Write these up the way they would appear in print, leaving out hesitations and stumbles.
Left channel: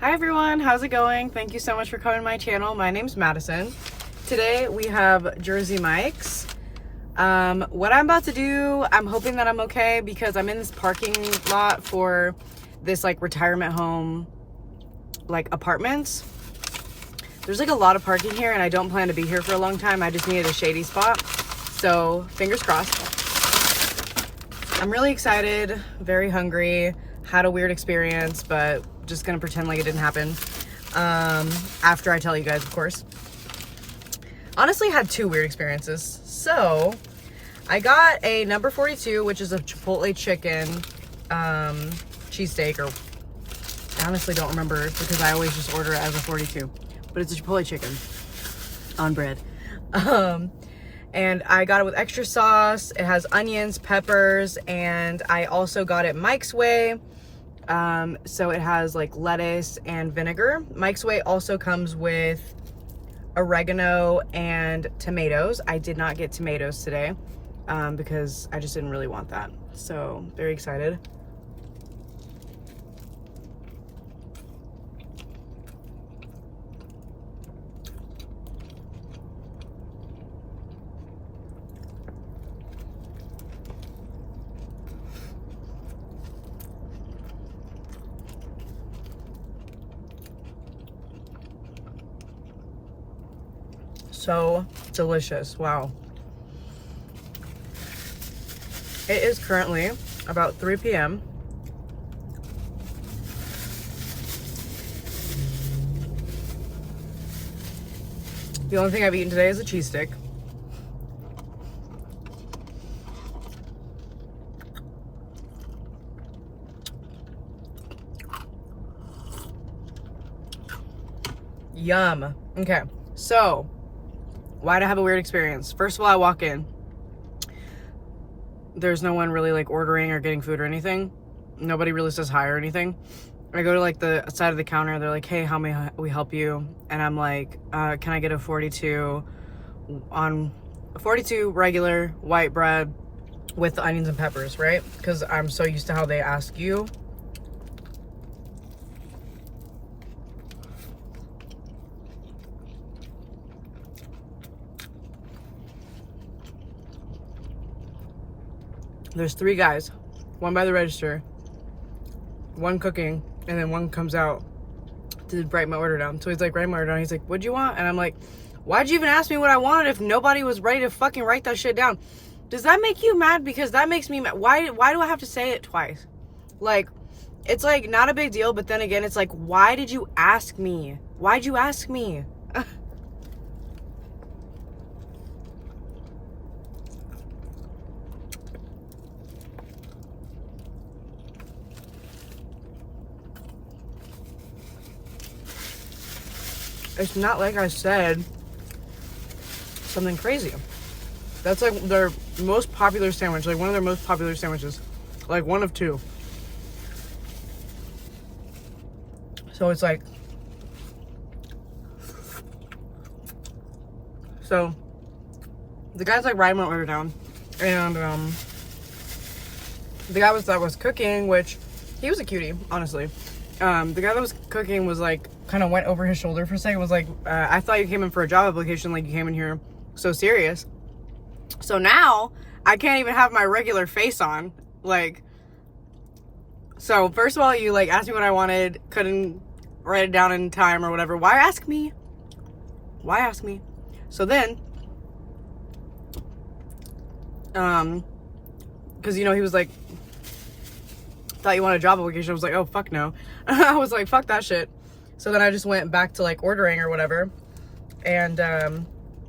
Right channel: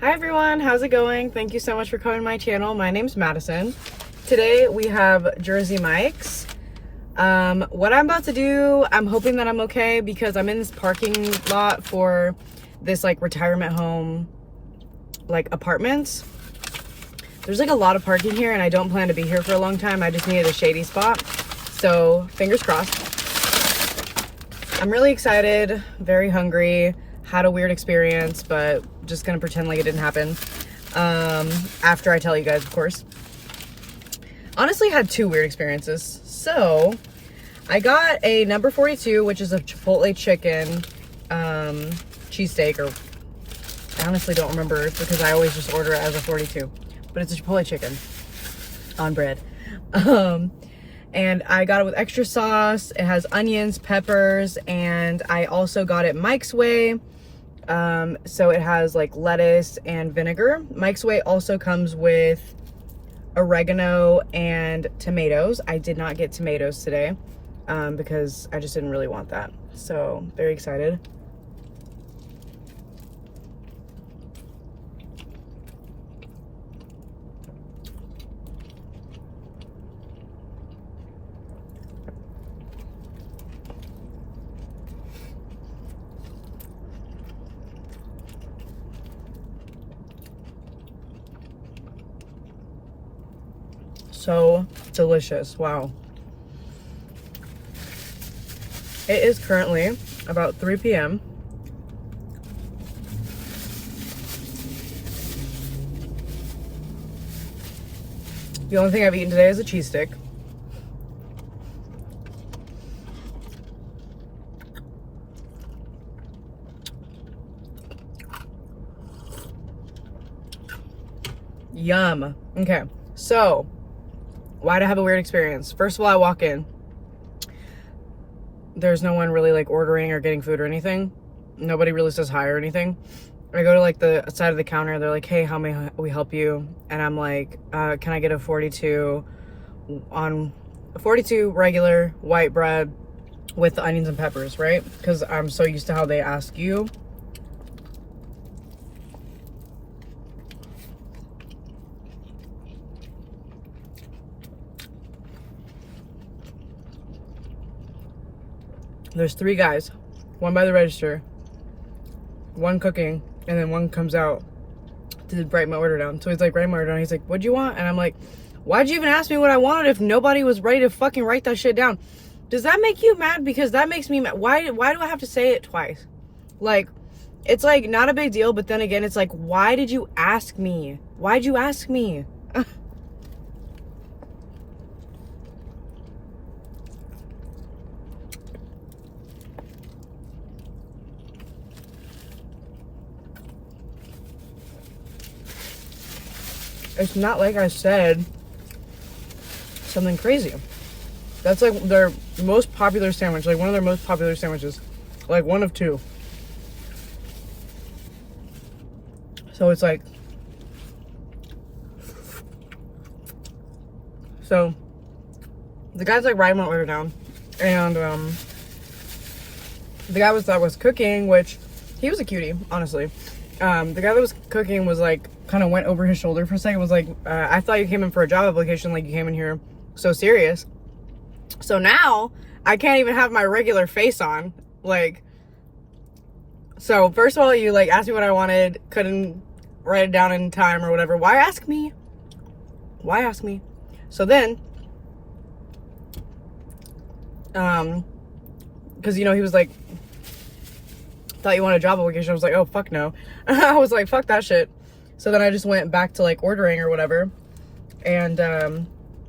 Hi everyone, how's it going? Thank you so much for coming to my channel. My name's Madison. Today we have Jersey Mike's. What I'm about to do, I'm hoping that I'm okay because I'm in this parking lot for this like retirement home, like apartments. There's like a lot of parking here and I don't plan to be here for a long time. I just needed a shady spot. So fingers crossed. I'm really excited, very hungry. Had a weird experience, but just gonna pretend like it didn't happen after I tell you guys, of course. Honestly, had two weird experiences. So I got a number 42, which is a Chipotle chicken cheesesteak, or I honestly don't remember because I always just order it as a 42, but it's a Chipotle chicken on bread. And I got it with extra sauce. It has onions, peppers, and I also got it Mike's Way. So it has like lettuce and vinegar. Mike's Way also comes with oregano and tomatoes. I did not get tomatoes today because I just didn't really want that. So very excited. So delicious. Wow. It is currently about 3 p.m. The only thing I've eaten today is a cheese stick. Yum. Okay, so why'd I have a weird experience? First of all, I walk in. There's no one really like ordering or getting food or anything. Nobody really says hi or anything. I go to like the side of the counter. They're like, hey, how may we help you? And I'm like, can I get a 42 regular white bread with the onions and peppers, right? Because I'm so used to how they ask you. There's 3 guys, one by the register, one cooking, and then one comes out to write my order down. So he's like, write my order down. He's like, what'd you want? And I'm like, why'd you even ask me what I wanted if nobody was ready to fucking write that shit down? Does that make you mad? Because that makes me mad. Why do I have to say it twice? Like, it's like not a big deal, but then again, it's like, why did you ask me? Why'd you ask me? It's not like I said something crazy. That's like their most popular sandwich, like one of their most popular sandwiches, like one of 2. So it's like, so the guy's like writing my order down, and the guy that was cooking, which he was a cutie, honestly. The guy that was cooking was like, kind of went over his shoulder for a second, was like, I thought you came in for a job application, like you came in here so serious. So now I can't even have my regular face on. Like, so first of all, you like asked me what I wanted, couldn't write it down in time or whatever. Why ask me? Why ask me? So then, because you know, he was like, thought you wanted a job application. I was like, oh fuck no. I was like, fuck that shit. So then I just went back to like ordering or whatever, and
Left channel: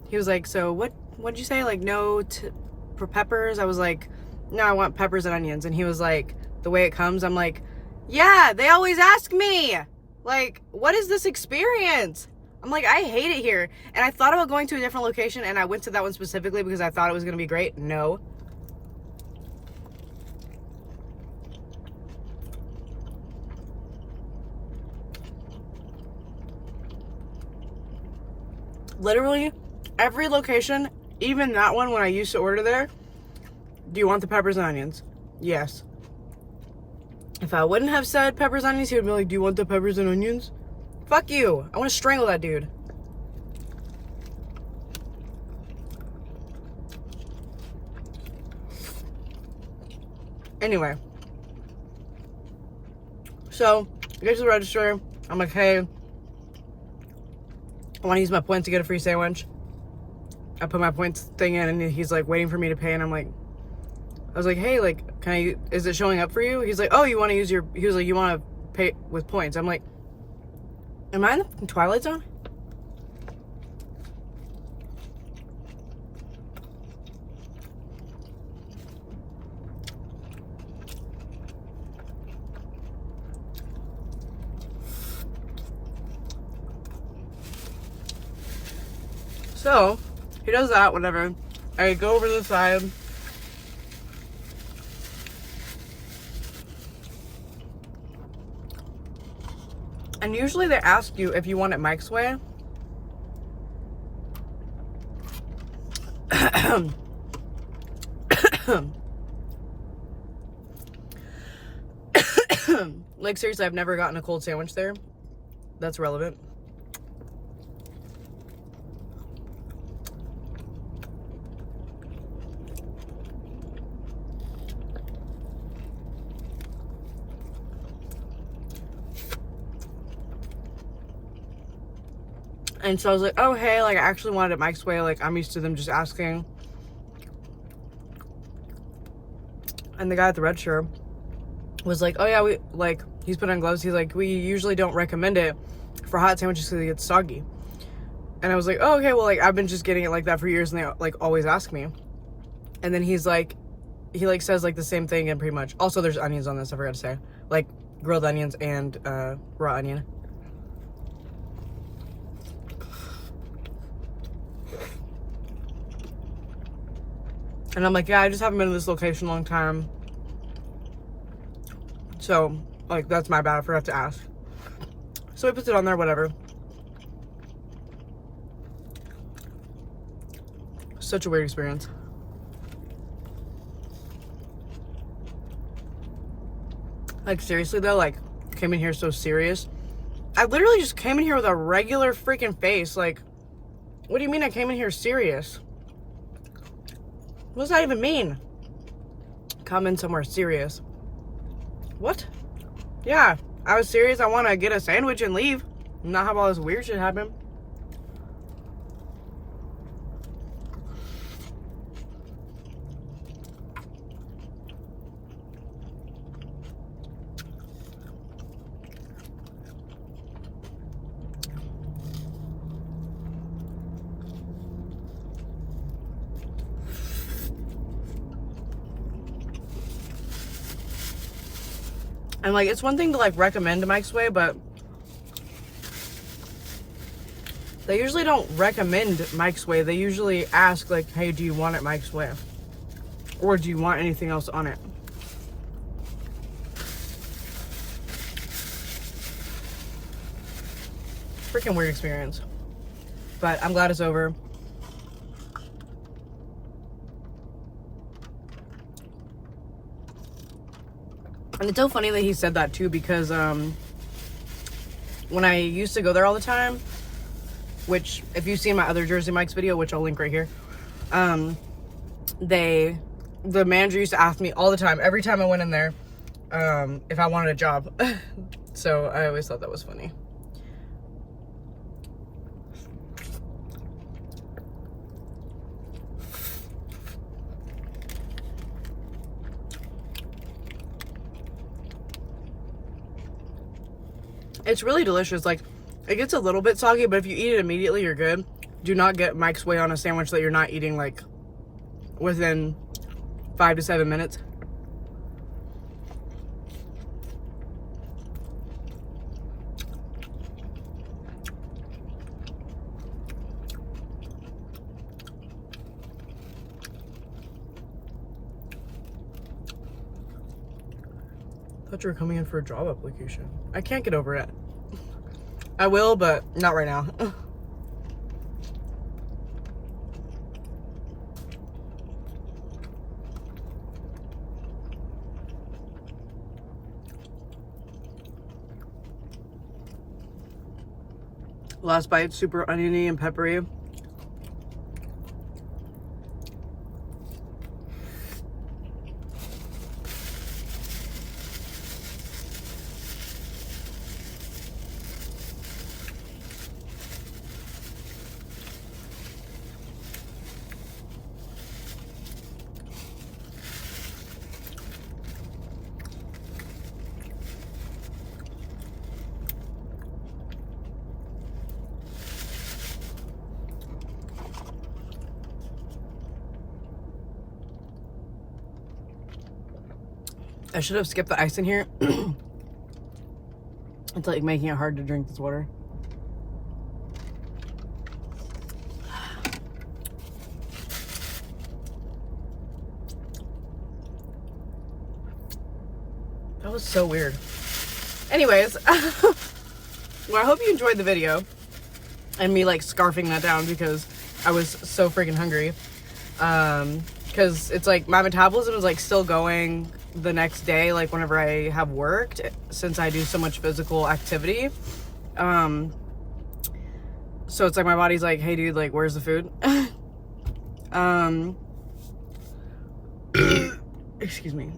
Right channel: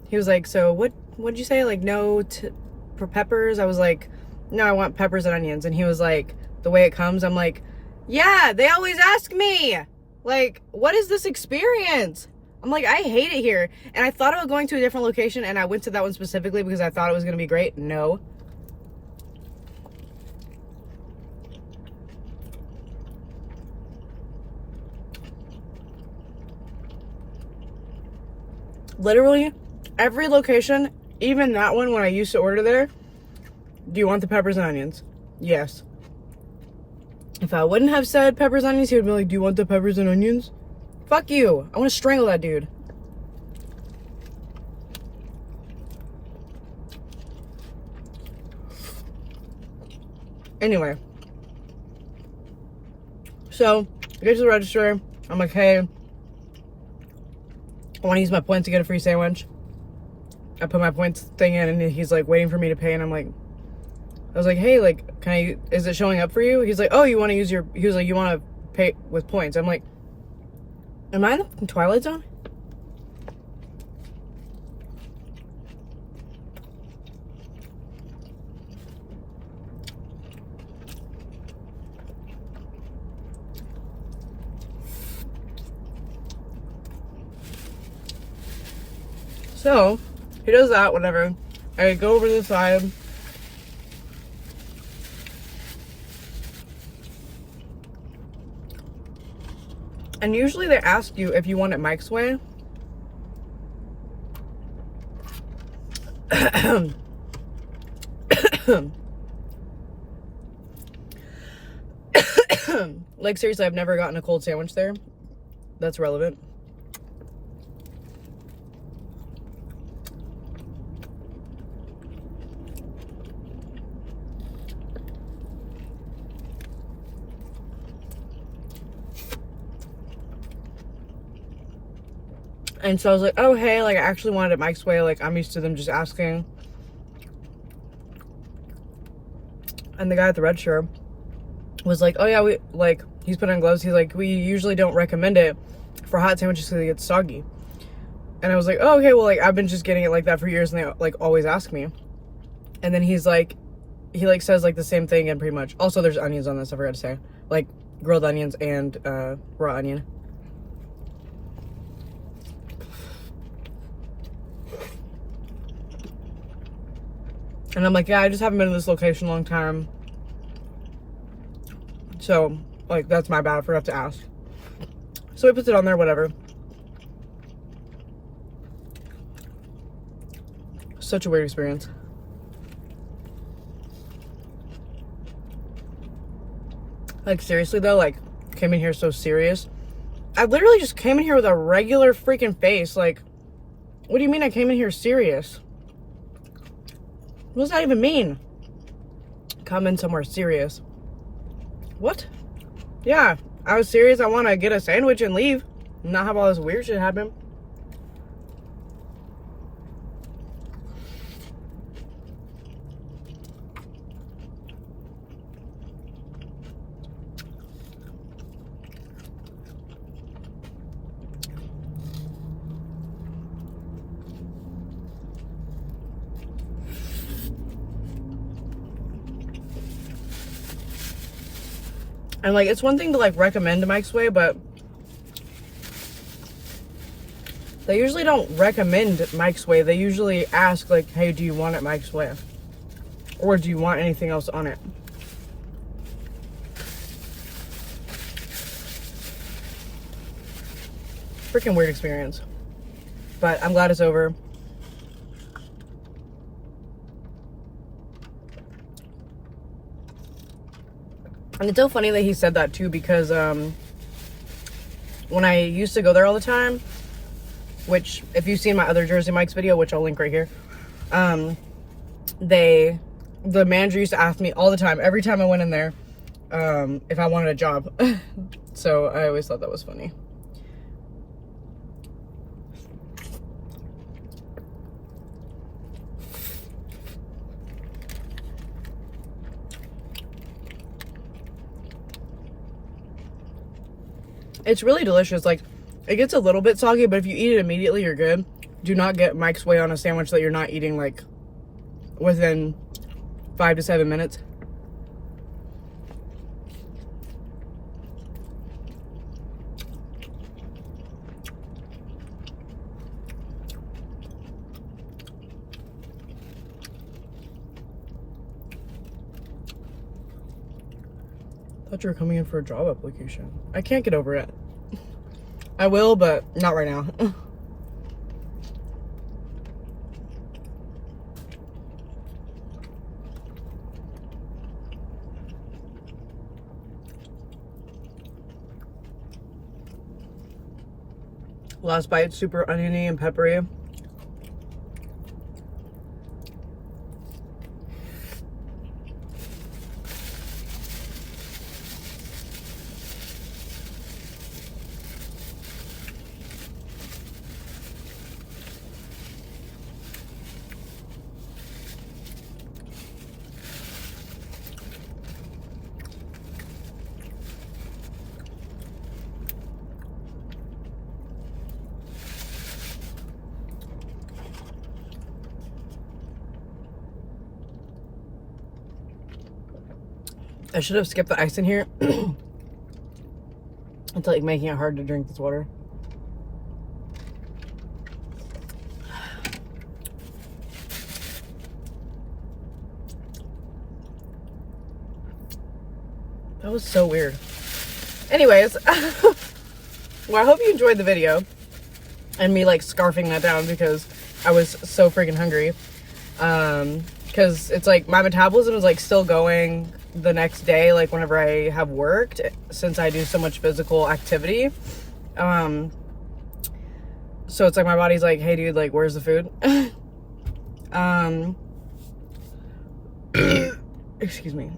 he was like, so what'd you say? Like, no for peppers? I was like, no, I want peppers and onions. And he was like, the way it comes? I'm like, yeah, they always ask me. Like, what is this experience? I'm like, I hate it here. And I thought about going to a different location, and I went to that one specifically because I thought it was gonna be great. No. Literally every location, even that one when I used to order there, do you want the peppers and onions? Yes. If I wouldn't have said peppers and onions, he would be like, do you want the peppers and onions? Fuck you. I want to strangle that dude. Anyway. So, I get to the register. I'm like, hey, I want to use my points to get a free sandwich. I put my points thing in, and he's like waiting for me to pay, and I was like, hey, like, is it showing up for you? He's like, oh, you want to use he was like, you want to pay with points. I'm like, am I in the Twilight Zone? So, he does that, whatever. I go over to the side. And usually they ask you if you want it Mike's way. Like, seriously, I've never gotten a cold sandwich there. That's relevant. And so I was like, oh, hey, like, I actually wanted it Mike's way. Like, I'm used to them just asking. And the guy at the register was like, oh, yeah, he's put on gloves. He's like, we usually don't recommend it for hot sandwiches because it gets soggy. And I was like, oh, okay, well, like, I've been just getting it like that for years, and they, like, always ask me. And then he's like, he, like, says, like, the same thing, and pretty much. Also, there's onions on this, I forgot to say. Like, grilled onions and raw onion. And I'm like, yeah, I just haven't been in this location a long time. So, like, that's my bad. I forgot to ask. So he puts it on there, whatever. Such a weird experience. Like, seriously, though, like, came in here so serious. I literally just came in here with a regular freaking face. Like, what do you mean I came in here serious? What does that even mean? Come in somewhere serious. What? Yeah, I was serious. I want to get a sandwich and leave. Not have all this weird shit happen. And, like, it's one thing to, like, recommend Mike's Way, but they usually don't recommend Mike's Way. They usually ask, like, hey, do you want it Mike's Way? Or do you want anything else on it? Freaking weird experience. But I'm glad it's over. And it's so funny that he said that too, because when I used to go there all the time, which if you've seen my other Jersey Mike's video, which I'll link right here, the manager used to ask me all the time, every time I went in there, if I wanted a job. So I always thought that was funny. It's really delicious. Like, it gets a little bit soggy, but if you eat it immediately, you're good. Do not get Mike's Way on a sandwich that you're not eating, like, within 5 to 7 minutes. I thought you were coming in for a job application. I can't get over it. I will, but not right now. Last bite, super oniony and peppery. I should have skipped the ice in here. It's like making it hard to drink this water. That was so weird. Anyways, well, I hope you enjoyed the video and me like scarfing that down because I was so freaking hungry. Because it's like my metabolism is like still going the next day, like whenever I have worked, since I do so much physical activity. So it's like my body's like, hey dude, like where's the food? Excuse me.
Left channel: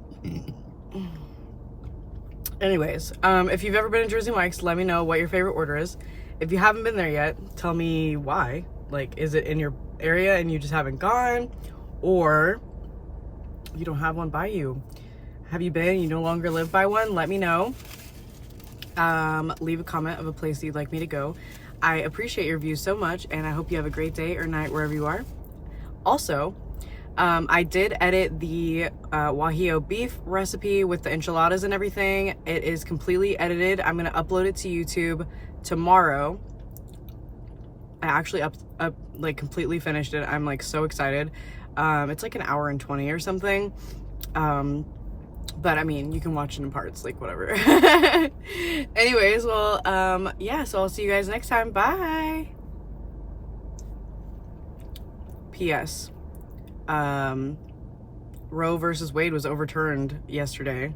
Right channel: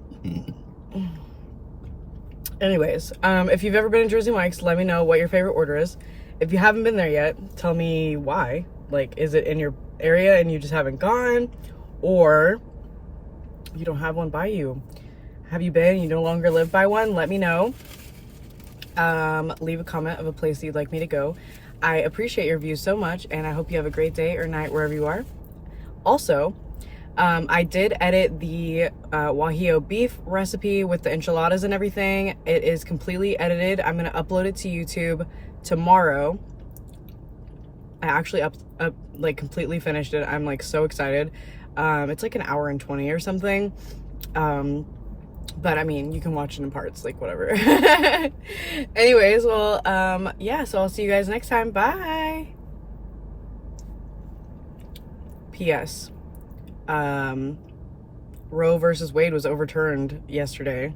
Anyways, if you've ever been to Jersey Mike's, let me know what your favorite order is. If you haven't been there yet, tell me why. Like, is it in your area and you just haven't gone? Or you don't have one by you? Have you been? You no longer live by one? Let me know. Leave a comment of a place that you'd like me to go. I appreciate your views so much, and I hope you have a great day or night wherever you are. Also, I did edit the guajillo beef recipe with the enchiladas and everything. It is completely edited. I'm gonna upload it to YouTube tomorrow. I actually like completely finished it. I'm like so excited. It's like an hour and 20 or something. But I mean, you can watch it in parts, like whatever. Anyways, well, yeah, so I'll see you guys next time. Bye. P.S. Roe versus Wade was overturned yesterday,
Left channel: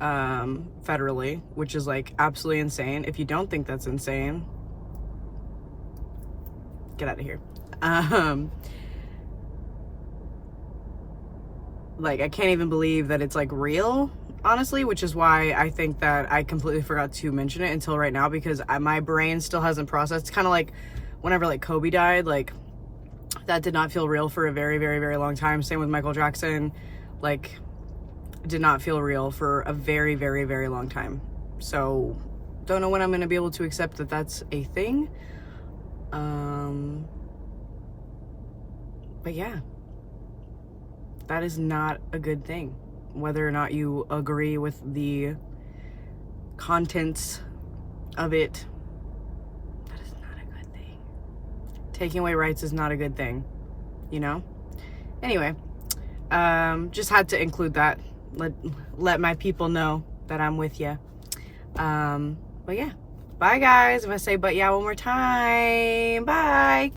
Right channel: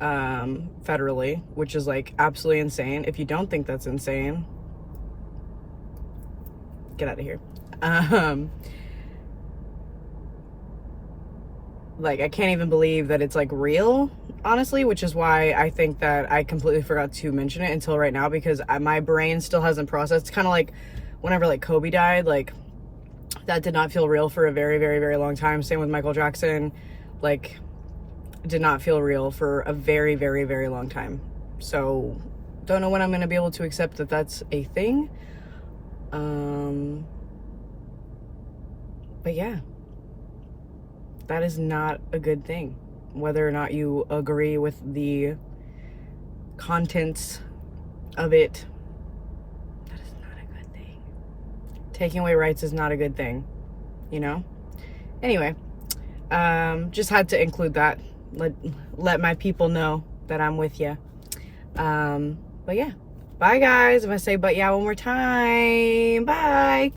federally, which is like absolutely insane. If you don't think that's insane, get out of here. Like, I can't even believe that it's like real, honestly, which is why I think that I completely forgot to mention it until right now, because my brain still hasn't processed. It's kind of like whenever like Kobe died, like that did not feel real for a very, very, very long time. Same with Michael Jackson, like did not feel real for a very, very, very long time. So don't know when I'm going to be able to accept that that's a thing. But yeah. That is not a good thing. Whether or not you agree with the contents of it, that is not a good thing. Taking away rights is not a good thing, you know? Anyway, just had to include that. Let my people know that I'm with you. But yeah, bye guys. If I say but yeah one more time, bye.